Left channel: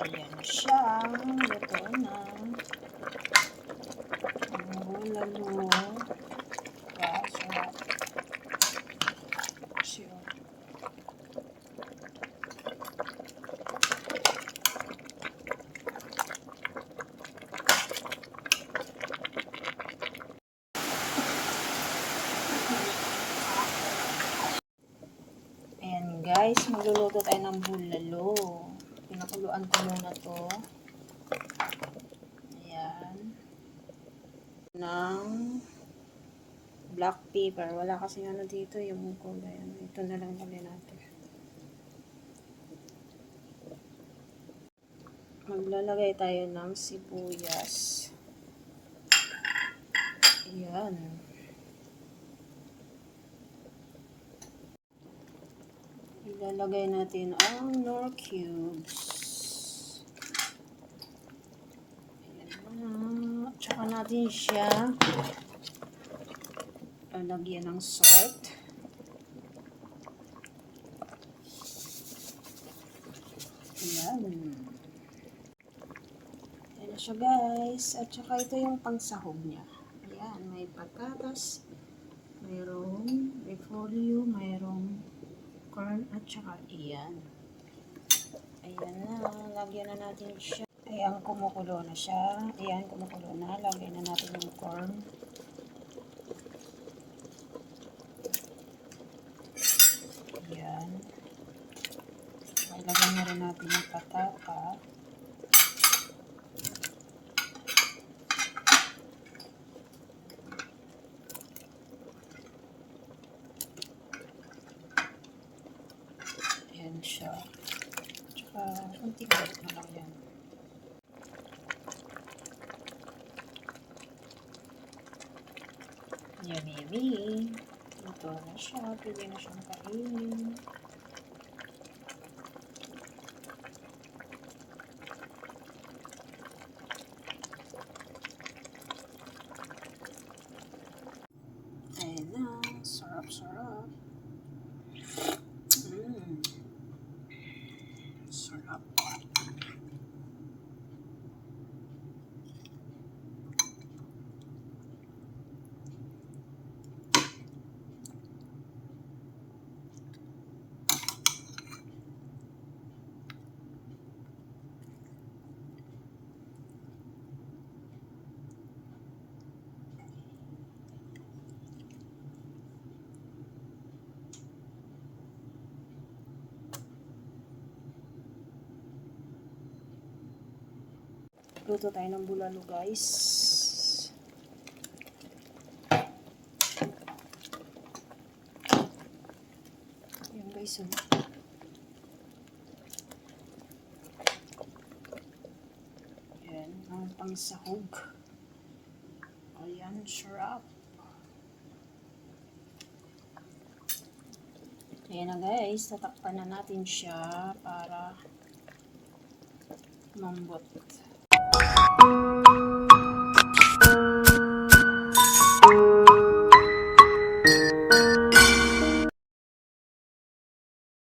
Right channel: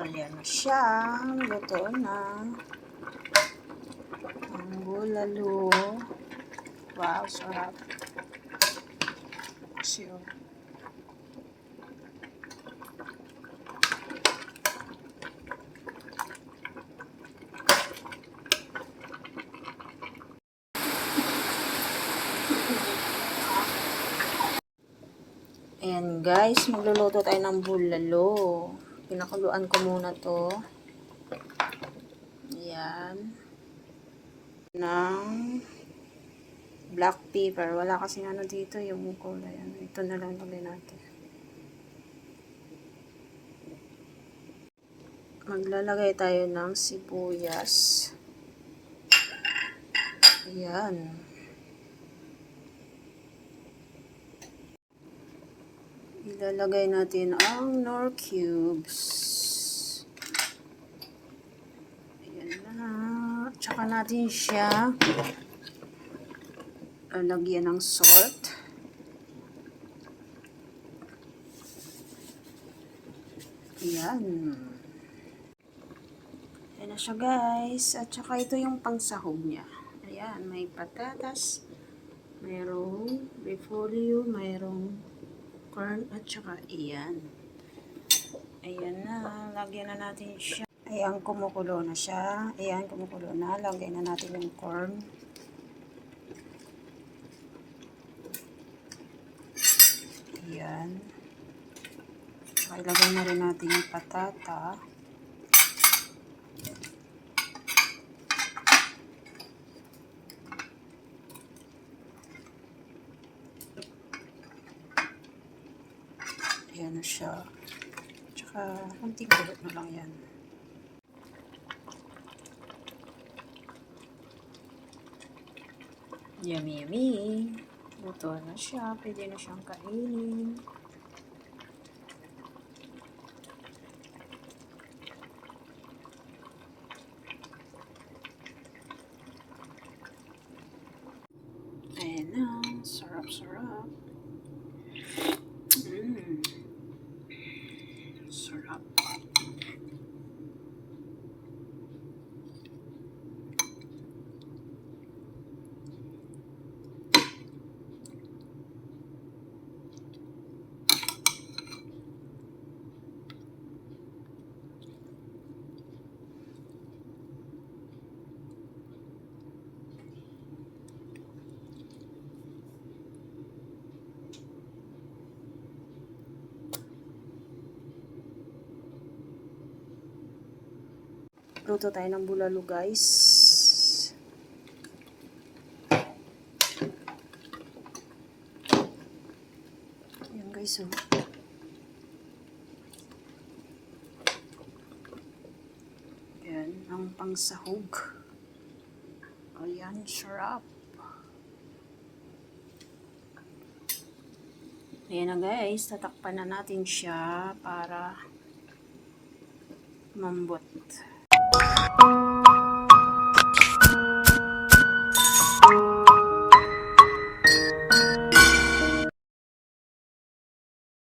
Ayan na siya. Luto na. Ang bulalo. Wow, sarap. Siyo. Ayan guys, magluluto tayo ng bulalo. Pinakuluan ko muna to. Ayan. Ng black pepper. Wala kasing ano dito yung kulay. Ito na lang lagay natin. Maglalagay tayo ng sibuyas. Ayan. Ilalagay natin ang Knorr cubes. Ayan na. Tsaka natin siya lalagyan ng salt. Ayan. Ayan na siya guys. At saka ito yung pangsahog niya. Ayan, may patatas, mayroong repolyo, mayroong corn, at saka iyan. Ayan na. Lagyan na natin siya. Ayan, kumukulo na siya. Ayan, kumukulo na. Lagyan na natin yung corn. Ayan. Ilagay na rin natin yung patata. Ayan na siya. Tsaka, konting kulit na lang yan. Yummy, yummy. Luto na siya. Pwede na siyang kainin. Ayan na. Sarap, sarap. Sarap. Luto tayo ng bulalo guys. Ayan guys, oh. Ayan, ang pangsahog. Ayan, sarap. Ayan na guys, tatakpan na natin siya para mambot.